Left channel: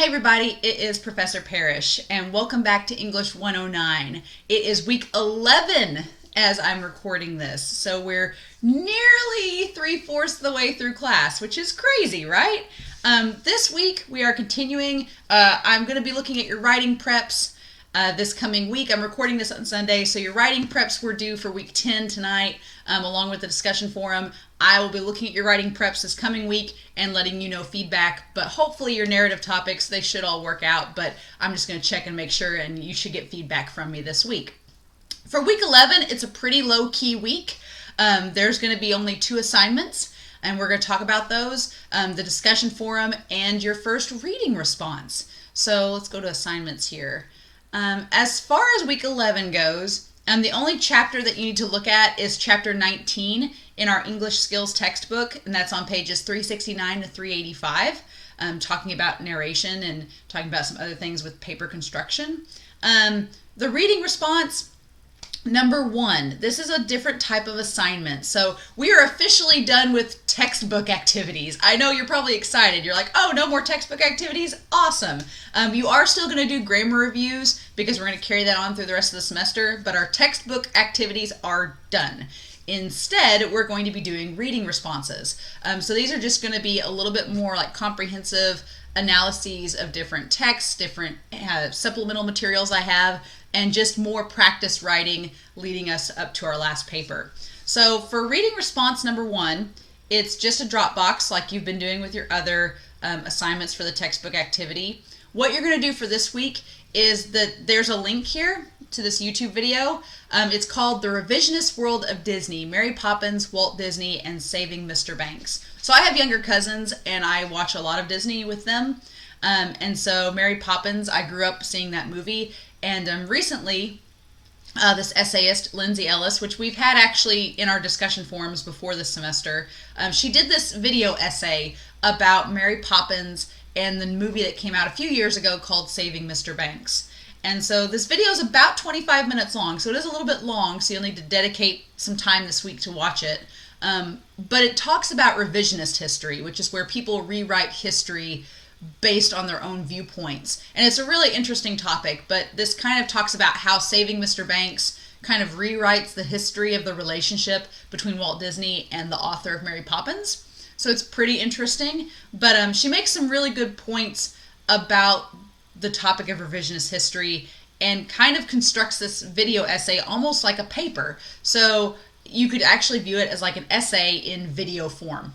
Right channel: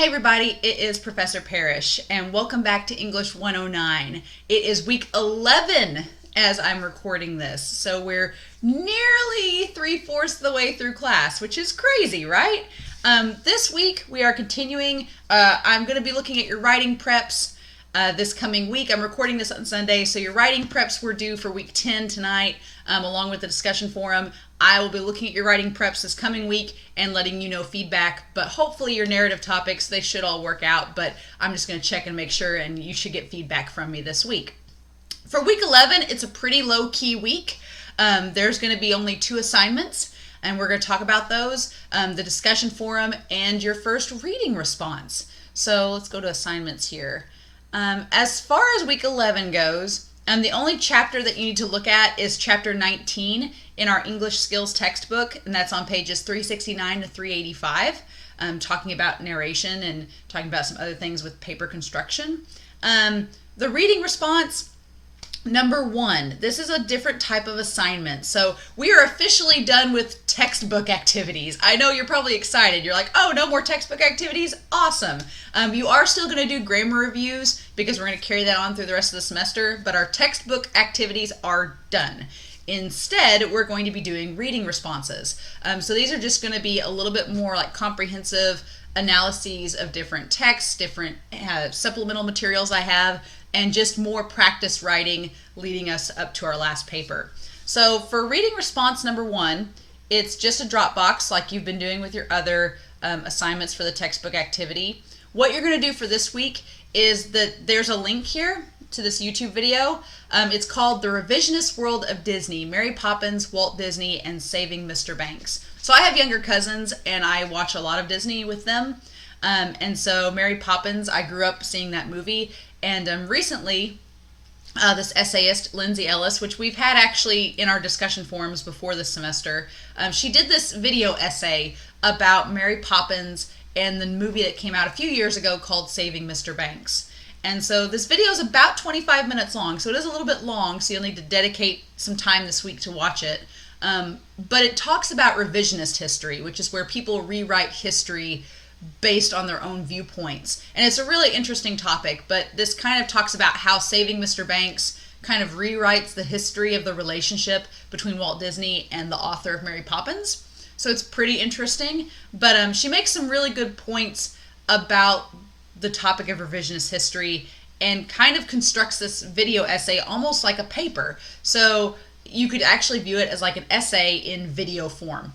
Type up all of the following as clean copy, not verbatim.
Hey everybody, it is Professor Parish, and welcome back to English 109. It is week 11 as I'm recording this, so we're nearly 3/4 of the way through class, which is crazy, right? This week we are continuing. I'm going to be looking at your writing preps this coming week. I'm recording this on Sunday, so your writing preps were due for week 10 tonight, along with the discussion forum. I will be looking at your writing preps this coming week and letting you know feedback, but hopefully your narrative topics, they should all work out, but I'm just going to check and make sure, and you should get feedback from me this week. For week 11, it's a pretty low-key week. There's going to be only 2 assignments, and we're going to talk about those, the discussion forum and your first reading response. So let's go to assignments here. As far as week 11 goes, the only chapter that you need to look at is chapter 19 in our English Skills textbook, and that's on pages 369 to 385, talking about narration and talking about some other things with paper construction. The reading response, number 1, this is a different type of assignment. So we are officially done with textbook activities. I know you're probably excited. You're like, oh, no more textbook activities? Awesome. You are still going to do grammar reviews because we're going to carry that on through the rest of the semester, but our textbook activities are done. Instead, we're going to be doing reading responses. So these are just going to be a little bit more like comprehensive analyses of different texts, different supplemental materials I have, and just more practice writing leading us up to our last paper. So for reading response number 1, it's just a drop box like you've been doing with your other assignments for the textbook activity. What you're going to do for this week is that there's a link here to this YouTube video. It's called The Revisionist World of Disney, Mary Poppins, Walt Disney, and Saving Mr. Banks. So I have younger cousins and I watch a lot of Disney with them. And so Mary Poppins, I grew up seeing that movie. And recently, this essayist, Lindsay Ellis, which we've had actually in our discussion forums before this semester, she did this video essay about Mary Poppins and the movie that came out a few years ago called Saving Mr. Banks. And so this video is about 25 minutes long, so it is a little bit long, so you'll need to dedicate some time this week to watch it. But it talks about revisionist history, which is where people rewrite history based on their own viewpoints. And it's a really interesting topic, but this kind of talks about how Saving Mr. Banks kind of rewrites the history of the relationship between Walt Disney and the author of Mary Poppins. So it's pretty interesting, but she makes some really good points about the topic of revisionist history and kind of constructs this video essay almost like a paper. So you could actually view it as like an essay in video form.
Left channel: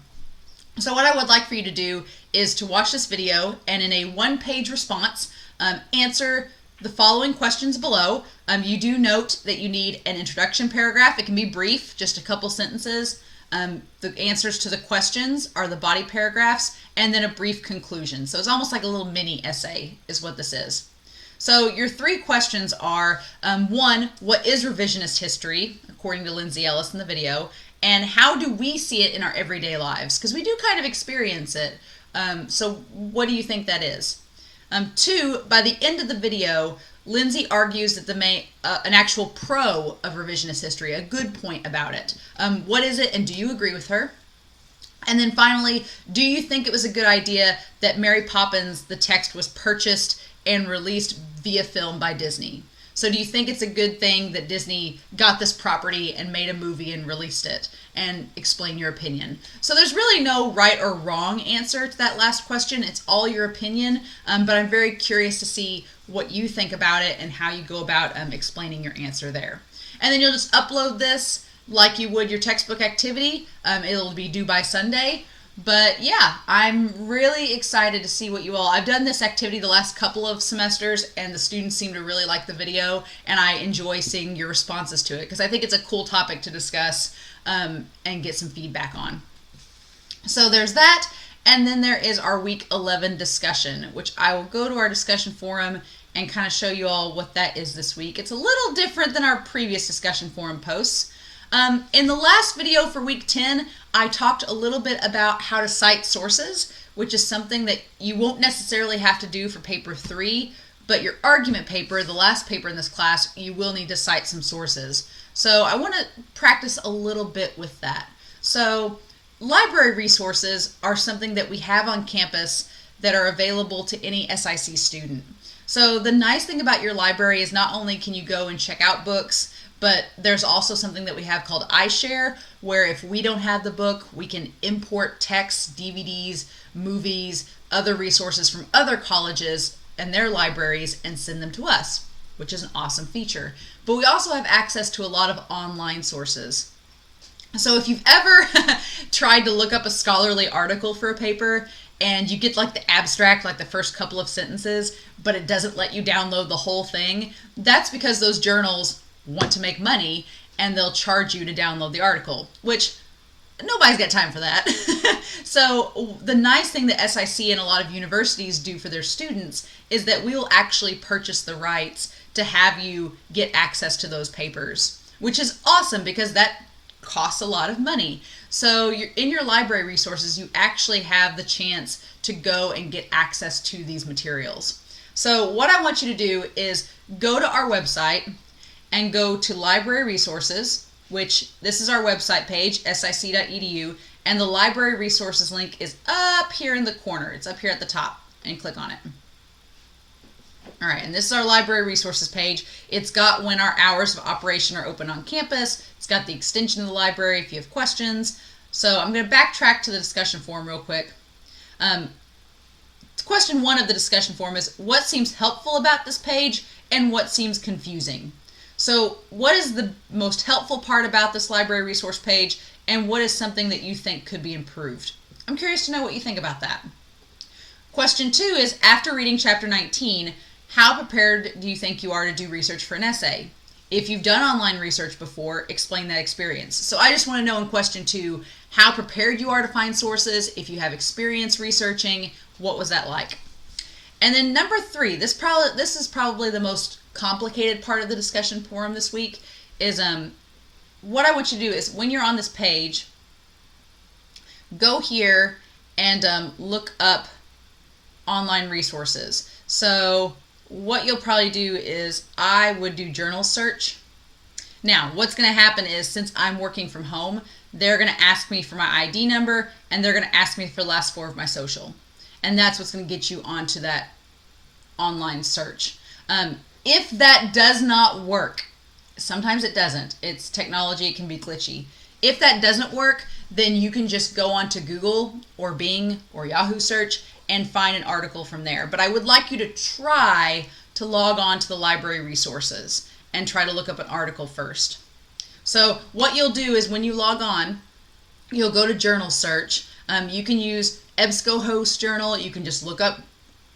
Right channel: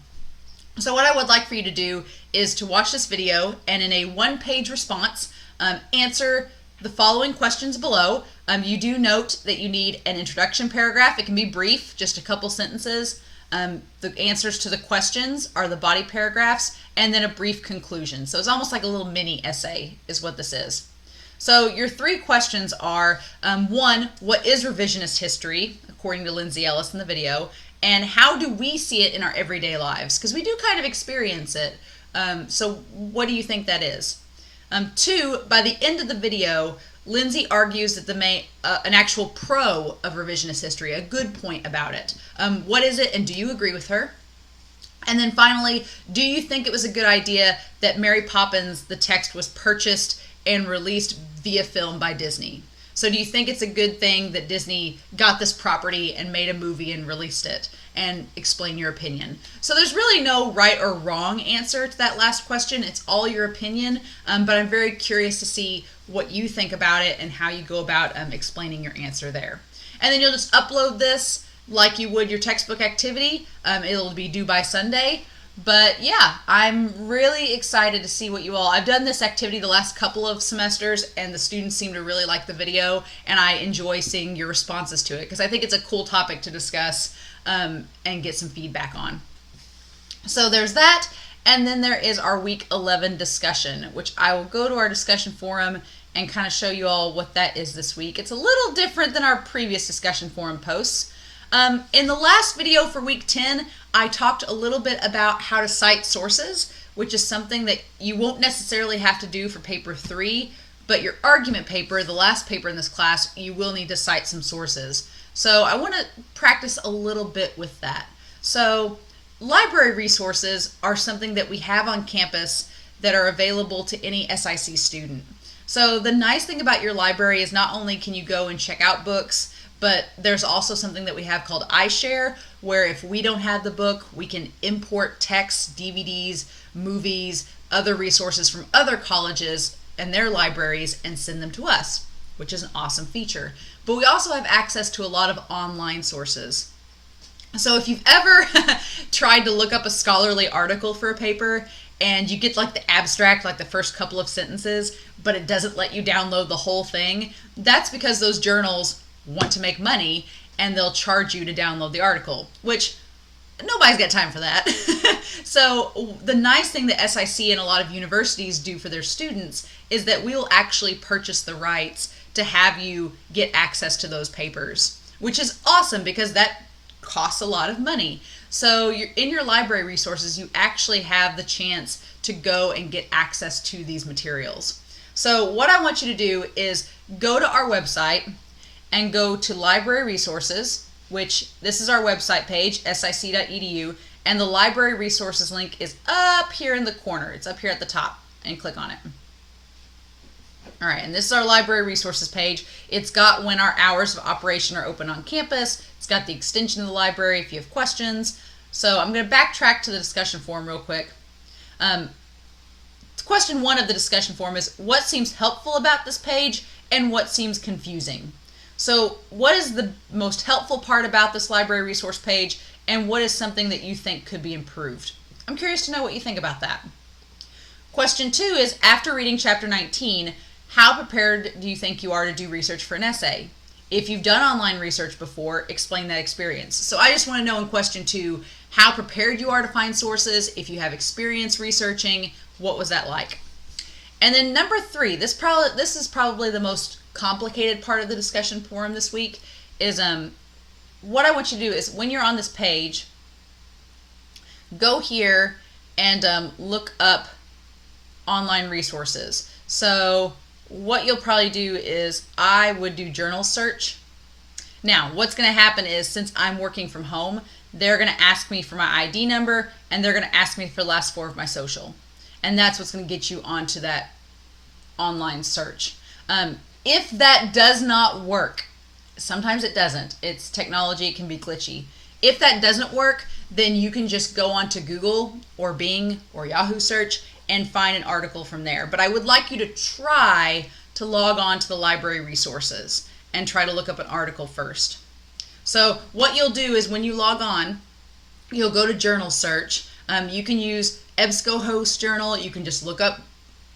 So what I would like for you to do is to watch this video and in a 1-page response, answer the following questions below. You do note that you need an introduction paragraph. It can be brief, just a couple sentences. The answers to the questions are the body paragraphs, and then a brief conclusion. So it's almost like a little mini essay is what this is. So your 3 questions are, 1, what is revisionist history, according to Lindsay Ellis in the video, and how do we see it in our everyday lives? Because we do kind of experience it. So what do you think that is? 2, by the end of the video, Lindsay argues that an actual pro of revisionist history, a good point about it. What is it, and do you agree with her? And then finally, do you think it was a good idea that Mary Poppins, the text, was purchased and released via film by Disney? So do you think it's a good thing that Disney got this property and made a movie and released it? And explain your opinion. So there's really no right or wrong answer to that last question. It's all your opinion, but I'm very curious to see what you think about it and how you go about explaining your answer there. And then you'll just upload this like you would your textbook activity. It'll be due by Sunday. But yeah, I'm really excited to see what you all... I've done this activity the last couple of semesters, and the students seem to really like the video, and I enjoy seeing your responses to it, because I think it's a cool topic to discuss and get some feedback on. So there's that, and then there is our week 11 discussion, which I will go to our discussion forum and kind of show you all what that is this week. It's a little different than our previous discussion forum posts. In the last video for week 10, I talked a little bit about how to cite sources, which is something that you won't necessarily have to do for paper 3, but your argument paper, the last paper in this class, you will need to cite some sources. So I want to practice a little bit with that. So library resources are something that we have on campus that are available to any SIC student. So the nice thing about your library is not only can you go and check out books, but there's also something that we have called iShare, where if we don't have the book, we can import texts, DVDs, movies, other resources from other colleges and their libraries and send them to us, which is an awesome feature. But we also have access to a lot of online sources. So if you've ever tried to look up a scholarly article for a paper and you get like the abstract, like the first couple of sentences, but it doesn't let you download the whole thing, that's because those journals want to make money and they'll charge you to download the article, which nobody's got time for that. So the nice thing that SIC and a lot of universities do for their students is that we will actually purchase the rights to have you get access to those papers, which is awesome because that costs a lot of money. So in your library resources, you actually have the chance to go and get access to these materials. So what I want you to do is go to our website and go to library resources, which this is our website page, sic.edu, and the library resources link is up here in the corner. It's up here at the top, and click on it. All right, and this is our library resources page. It's got when our hours of operation are open on campus. It's got the extension of the library if you have questions. So I'm going to backtrack to the discussion forum real quick. Question 1 of the discussion forum is what seems helpful about this page and what seems confusing. So what is the most helpful part about this library resource page and what is something that you think could be improved? I'm curious to know what you think about that. Question 2 is after reading chapter 19, how prepared do you think you are to do research for an essay? If you've done online research before, explain that experience. So I just want to know in question 2, how prepared you are to find sources, if you have experience researching, what was that like? And then number 3, this is probably the most complicated part of the discussion forum this week, is what I want you to do is when you're on this page, go here and look up online resources. So what you'll probably do is I would do journal search. Now, what's going to happen is since I'm working from home, they're going to ask me for my ID number and they're going to ask me for the last 4 of my social. And that's what's going to get you onto that online search. If that does not work, sometimes it doesn't. It's technology, it can be glitchy. If that doesn't work, then you can just go onto Google or Bing or Yahoo search and find an article from there. But I would like you to try to log on to the library resources and try to look up an article first. So what you'll do is when you log on, you'll go to journal search. You can use EBSCOhost journal. You can just look up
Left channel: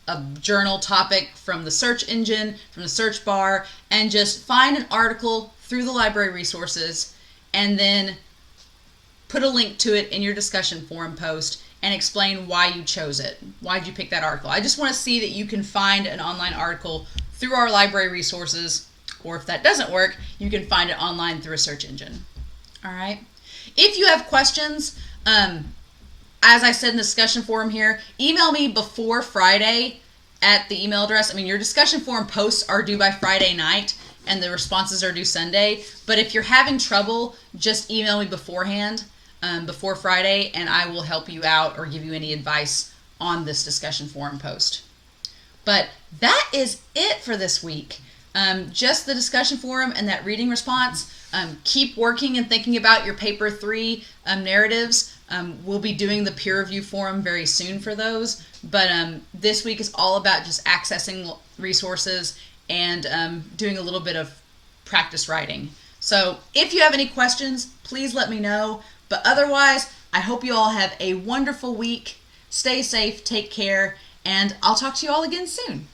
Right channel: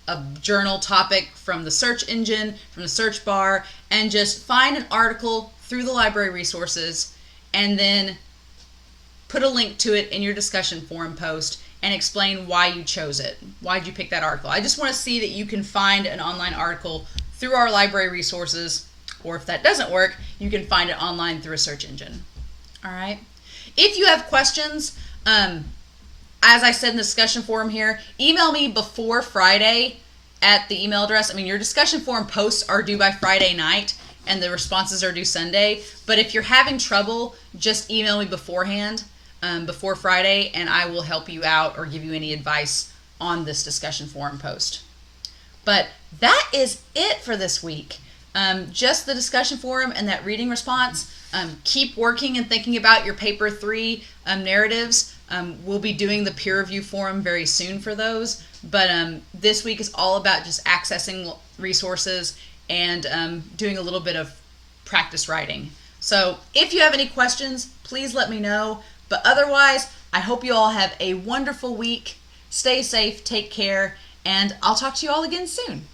a journal topic from the search engine, from the search bar, and just find an article through the library resources and then put a link to it in your discussion forum post and explain why you chose it. Why did you pick that article? I just want to see that you can find an online article through our library resources, or if that doesn't work, you can find it online through a search engine. All right. If you have questions, as I said in the discussion forum here, email me before Friday at the email address. I mean, your discussion forum posts are due by Friday night and the responses are due Sunday. But if you're having trouble, just email me beforehand, before Friday, and I will help you out or give you any advice on this discussion forum post. But that is it for this week. Just the discussion forum and that reading response. Keep working and thinking about your paper 3 narratives. We'll be doing the peer review forum very soon for those. But this week is all about just accessing resources and doing a little bit of practice writing. So if you have any questions, please let me know. But otherwise, I hope you all have a wonderful week. Stay safe, take care, and I'll talk to you all again soon.